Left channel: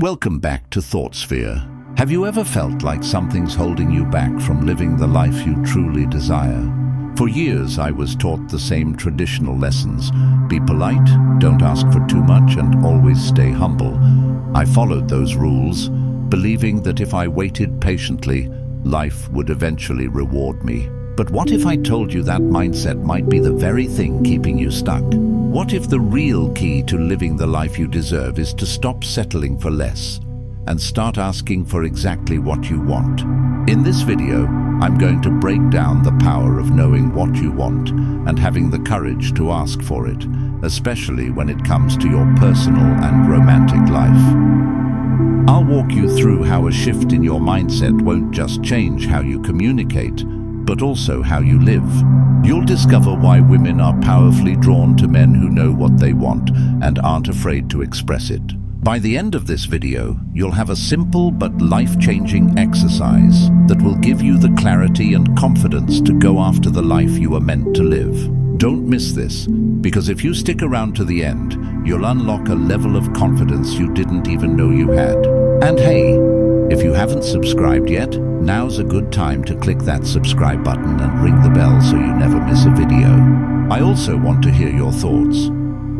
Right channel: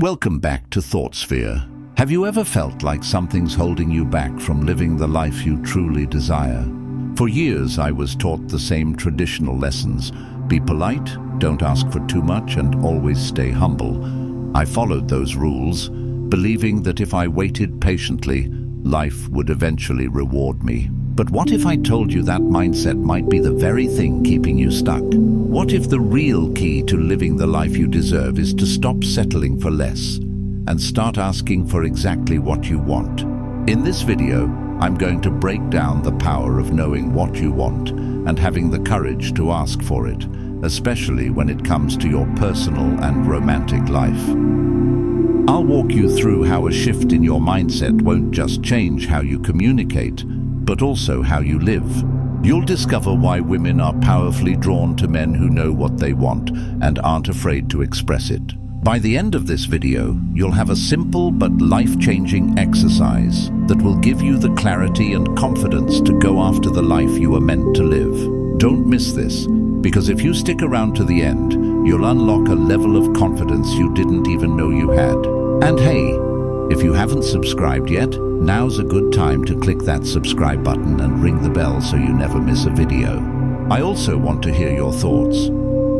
Welcome back to ThoughtSphere. Have you ever felt like something's holding you back from living the life you truly desire? For years, I was taught the same traditional lessons. Be polite, don't ask for too much, and always stay humble. I followed those rules, believing that if I waited patiently, life would eventually reward me. But what if I told you that mindset might be the very thing keeping you stuck? What if the real key to living the life you deserve is to stop settling for less and start asking for exactly what you want? In this video, I'm going to break down the power of knowing what you want and having the courage to ask for it, especially when it comes to your personal and romantic life. I'll walk you through how a shift in your mindset won't just change how you communicate, but also how you live. You'll discover why women are powerfully drawn to men who know what they want and aren't afraid to express it. By the end of this video, you'll have a simple but life-changing exercise that will give you the clarity and confidence to go after the life you are meant to live. Don't miss this, because if you stick around to the end, you'll unlock a level of confidence you didn't even know you had. And hey, if you haven't subscribed yet, now's a good time to click that subscribe button and ring the bell so you never miss a video. I also want to hear your thoughts.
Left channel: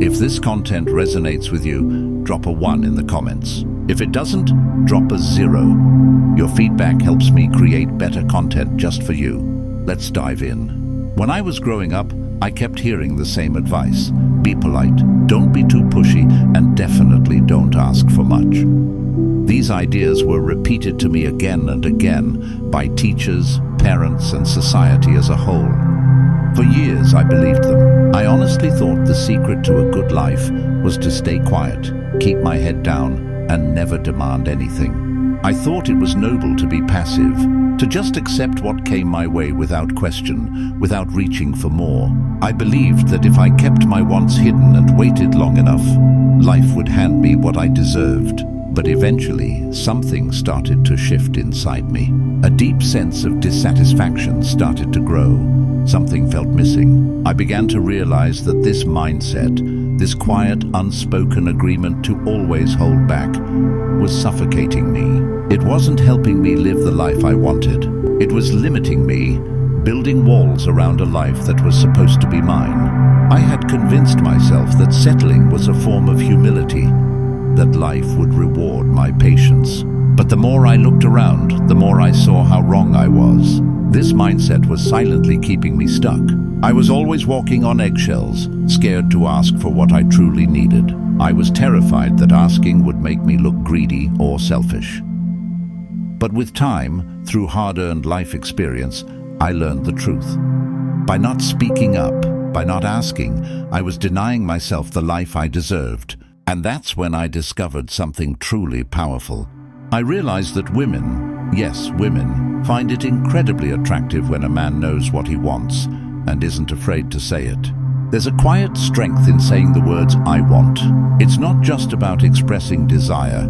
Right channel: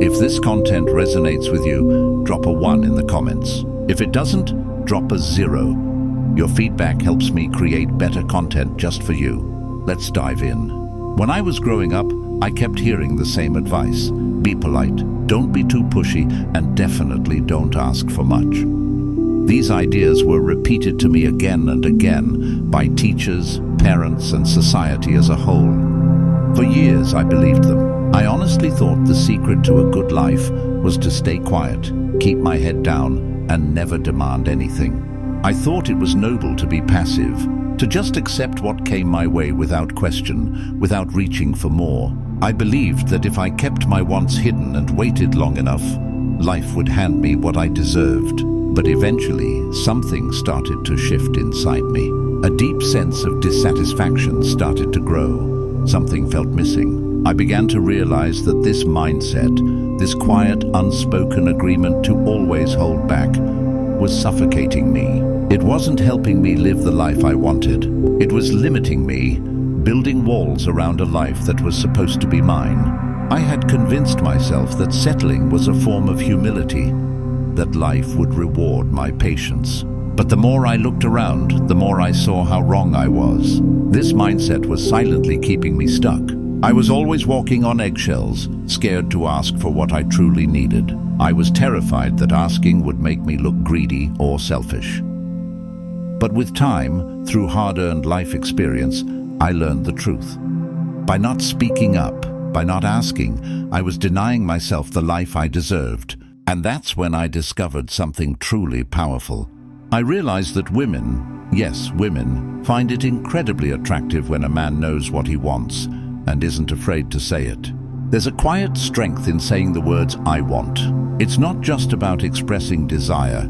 If this content resonates with you, drop a 1 in the comments. If it doesn't, drop a 0. Your feedback helps me create better content just for you. Let's dive in. When I was growing up, I kept hearing the same advice. Be polite, don't be too pushy, and definitely don't ask for much. These ideas were repeated to me again and again by teachers, parents, and society as a whole. For years, I believed them. I honestly thought the secret to a good life was to stay quiet, keep my head down, and never demand anything. I thought it was noble to be passive, to just accept what came my way without question, without reaching for more. I believed that if I kept my wants hidden and waited long enough, life would hand me what I deserved. But eventually, something started to shift inside me. A deep sense of dissatisfaction started to grow. Something felt missing. I began to realize that this mindset, this quiet, unspoken agreement to always hold back, was suffocating me. It wasn't helping me live the life I wanted. It was limiting me, building walls around a life that was supposed to be mine. I had convinced myself that settling was a form of humility, that life would reward my patience. But the more I looked around, the more I saw how wrong I was. This mindset was silently keeping me stuck. I was always walking on eggshells, scared to ask for what I truly needed. I was terrified that asking would make me look greedy or selfish. But with time, through hard-earned life experience, I learned the truth. By not speaking up, by not asking, I was denying myself the life I deserved. And that's when I discovered something truly powerful. I realized that women, yes, women, find it incredibly attractive when a man knows what he wants and isn't afraid to say it. There's a quiet strength in saying the words, I want. It's not just about expressing desire.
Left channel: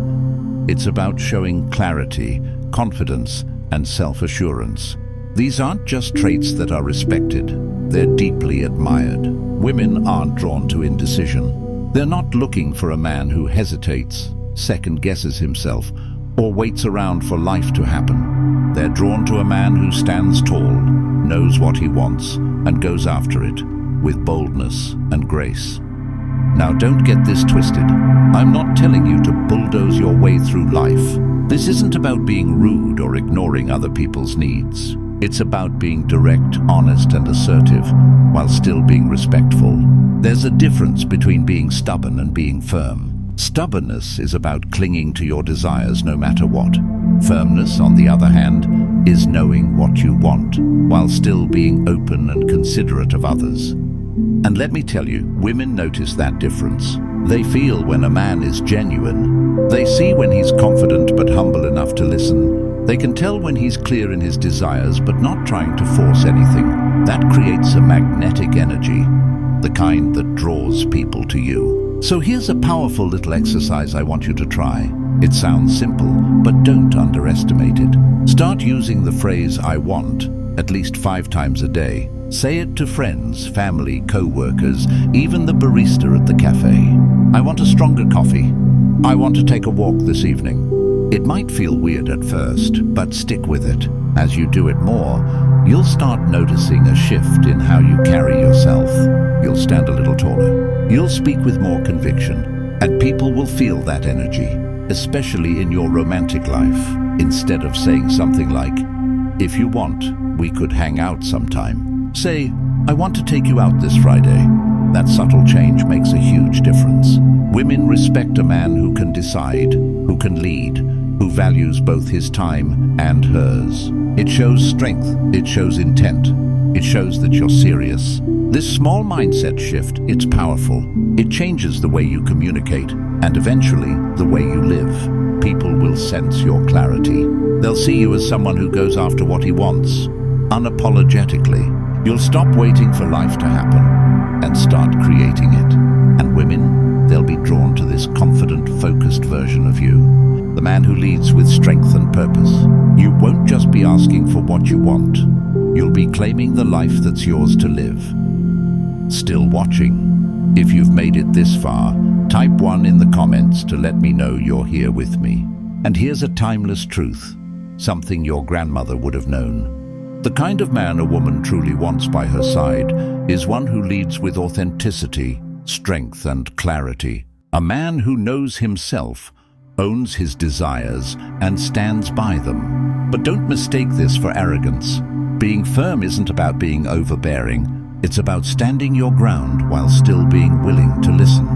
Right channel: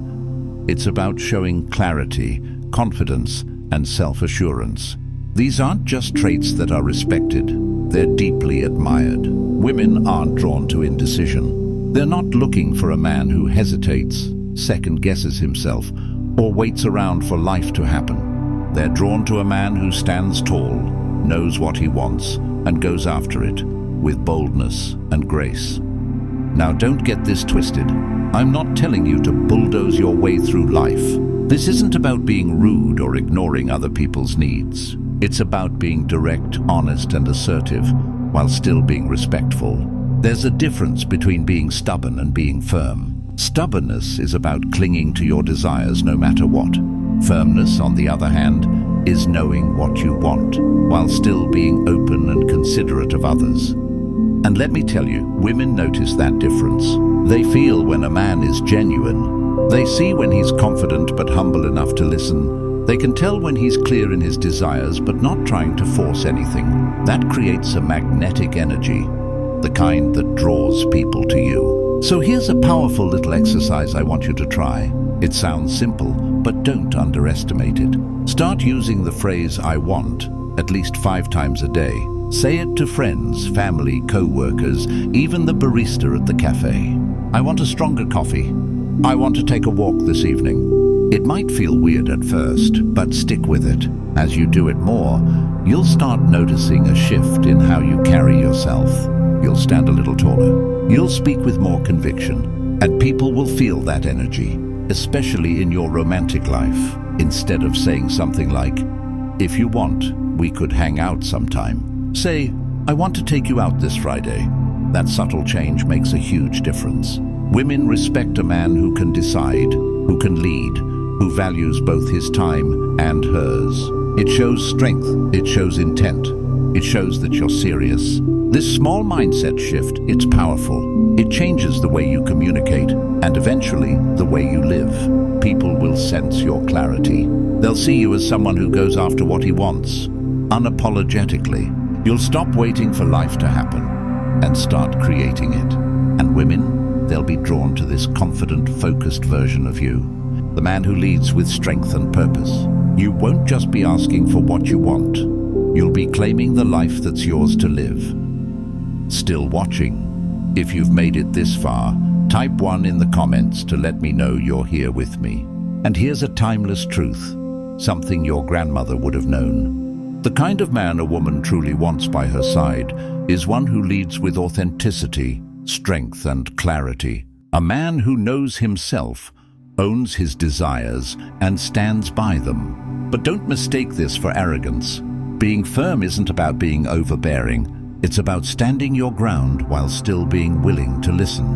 It's about showing clarity, confidence, and self-assurance. These aren't just traits that are respected. They're deeply admired. Women aren't drawn to indecision. They're not looking for a man who hesitates, second-guesses himself, or waits around for life to happen. They're drawn to a man who stands tall, knows what he wants, and goes after it with boldness and grace. Now, don't get this twisted. I'm not telling you to bulldoze your way through life. This isn't about being rude or ignoring other people's needs. It's about being direct, honest, and assertive, while still being respectful. There's a difference between being stubborn and being firm. Stubbornness is about clinging to your desires no matter what. Firmness, on the other hand, is knowing what you want, while still being open and considerate of others. And let me tell you, women notice that difference. They feel when a man is genuine. They see when he's confident but humble enough to listen. They can tell when he's clear in his desires but not trying to force anything. That creates a magnetic energy, the kind that draws people to you. So here's a powerful little exercise I want you to try. It sounds simple, but don't underestimate it. Start using the phrase I want at least 5 times a day. Say it to friends, family, co-workers, even the barista at the cafe. I want a stronger coffee. I want to take a walk this evening. It might feel weird at first, but stick with it. As you do it more, you'll start noticing a shift in how you carry yourself. You'll stand a little taller. You'll speak with more conviction, and people will feel that energy, especially in your romantic life. Instead of saying something like, "If you want, we could hang out sometime," say, "I want to take you out this Friday." That subtle change makes a huge difference. Women respect a man who can decide, who can lead, who values both his time and hers. It shows strength, it shows intent, it shows that you're serious. This small mindset shift, it's powerful. It changes the way you communicate and eventually the way you live. People will sense your clarity. They'll see you as someone who goes after what he wants, unapologetically. You'll stop waiting for life to happen and start creating it. And women, they'll be drawn to this confident, focused version of you. The man who leads with strength and purpose. You won't just be asking for what you want. You'll be claiming the life that's yours to live. Still watching? If you've made it this far, type 1 in the comments to let me know you're here with me. And here's a timeless truth, something your grandmother would have known. The kind of man a woman truly wants by her side is one who leads with authenticity, strength, and clarity. A man who knows himself, owns his desires, and stands by them. But don't mistake this for arrogance. Being firm isn't about being overbearing. It's about standing your ground while still being willing to listen.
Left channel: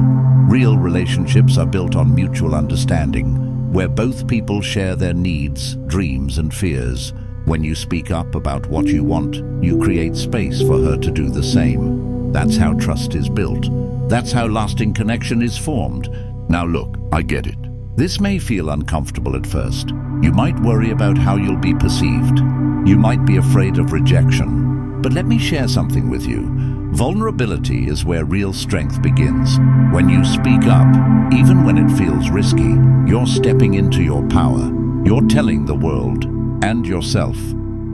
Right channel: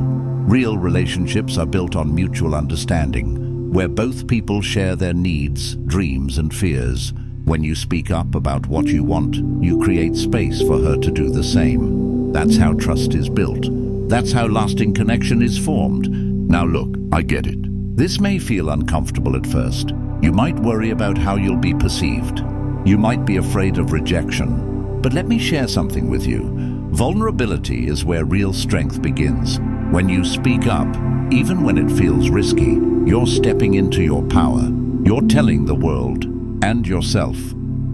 Real relationships are built on mutual understanding, where both people share their needs, dreams, and fears. When you speak up about what you want, you create space for her to do the same. That's how trust is built. That's how lasting connection is formed. Now look, I get it. This may feel uncomfortable at first. You might worry about how you'll be perceived. You might be afraid of rejection. But let me share something with you. Vulnerability is where real strength begins. When you speak up, even when it feels risky, you're stepping into your power. You're telling the world and yourself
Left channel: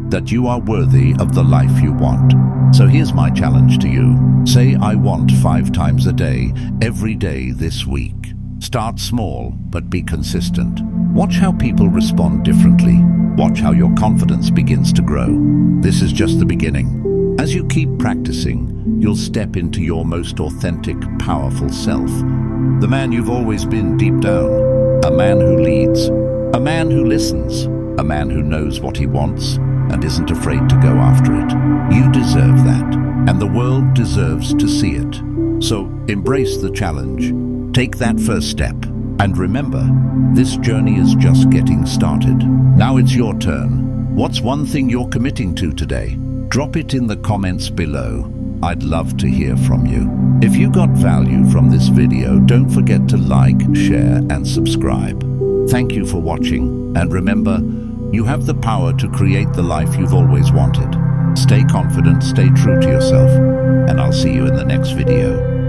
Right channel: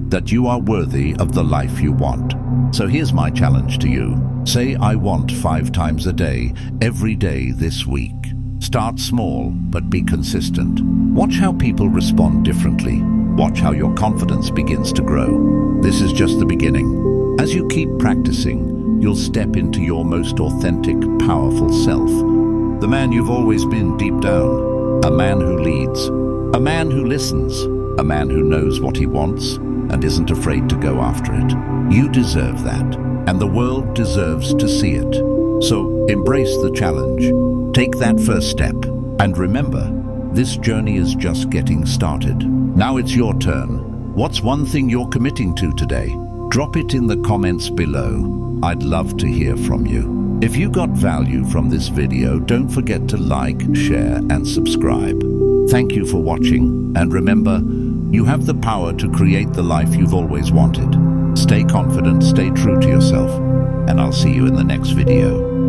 that you are worthy of the life you want. So here's my challenge to you. Say "I want" 5 times a day, every day this week. Start small, but be consistent. Watch how people respond differently. Watch how your confidence begins to grow. This is just the beginning. As you keep practicing, you'll step into your most authentic, powerful self. The man you've always been deep down. A man who leads. A man who listens. A man who knows what he wants and isn't afraid to go after it. You deserve that, and the world deserves to see it. So embrace the challenge. Take that first step. And remember, this journey is just getting started. Now it's your turn. What's one thing you're committing to today? Drop it in the comments below. I'd love to hear from you. If you got value from this video, don't forget to like, share, and subscribe. Thank you for watching, and remember, you have the power to create the life you've always wanted. Stay confident, stay true to yourself, and I'll see you in the next video.